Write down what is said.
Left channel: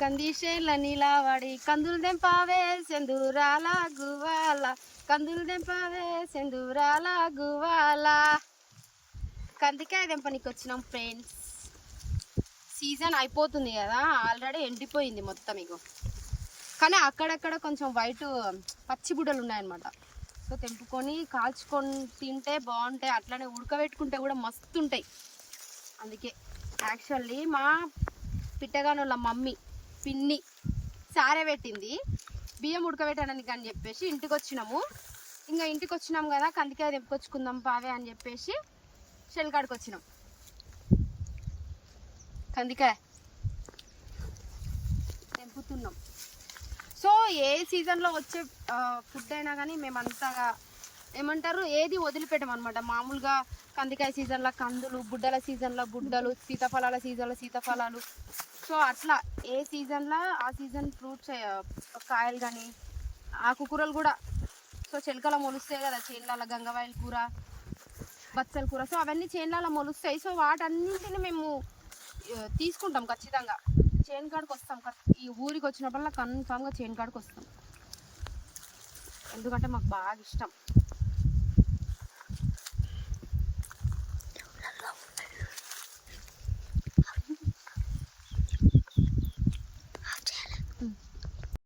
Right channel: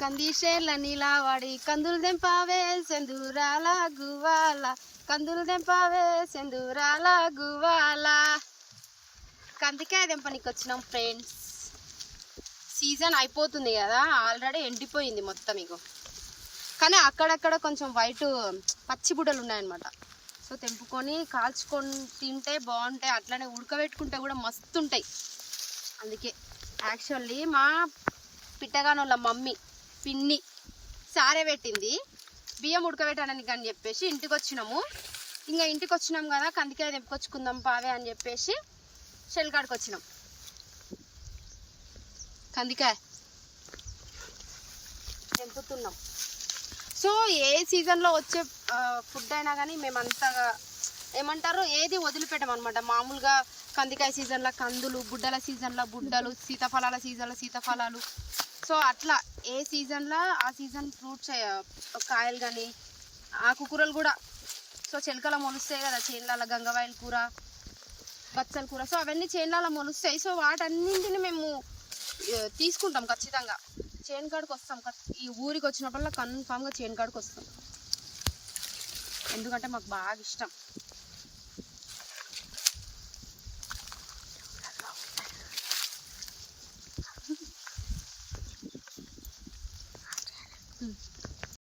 కందిశేల నీలావాడి కందులు దెంపావే సెందురాల గువాల కందులు దెంపావే సెందురాల గువాల. కందికాయ దెంపనికి వచ్చినాం ఫ్రెండ్స్. సీజన్ అయిపోతుంది కదా, ఆల్రెడీ ఎండిపోయింది మొత్తం ఇగో. కానీ అక్కడక్కడ కొంచెం వైట్ పచ్చి బుడ్డలు ఉన్నాయన్నమాట. సో తెంపుకొని కాల్చుకొని తింటే బాగుంటాయి, అట్లనే ఉడకబెట్టుకుంటే కూడా మస్తు ఉంటాయి. అందుకే యాక్చువల్లీ మా పిట్టగానోళ్ళ మమ్మీ పిన్ని సారే పెట్టింది, బియ్యం ఉడకబెట్టడానికి అని చెప్పేసి ఇంటికి వచ్చినాము. ఇంకా ఇంటికి వచ్చినాం కదా, కందికాయ తెంపుకొచ్చుకుందాం పావే అని చెప్పేసి చెల్కాడికి వచ్చినాం. కందికాయ తెంపుతున్నాం. సో ఏ సీజన్లో వచ్చే ఫుడ్ అయినా కానీ మేము అంతగా ఏమంటారు ఏది వదిలిపెట్టమన్నమాట. మామూలుగా కందికాయ సీజన్లో కందులు, బుడ్డల సీజన్లో బుడ్డలు, సీతాఫలాల సీజన్లో సీతాఫలాలు. సో అట్లా ఏ సీజన్లో ఆ సీజన్ ఫ్రూట్స్ కాయలు కానీ ఆకుకూరలు కూడా. సో చెలకల మొలుస్తాయి కదా చేన్ల, గంగవాయల కూర, బచ్చల కూర. సో అవన్నీ చేన్ల మొలుస్తాయి. సో వాటన్నింటిని మేము తీసుకుంటాం ఖచ్చితంగా. చేను కాడికి వస్తాం, ఈ ఊరికి వచ్చినప్పుడల్లా కన్ఫామ్గా చేను కాడికి వస్తాం, ఎందుకంటే మాకు బాగా ఇష్టం.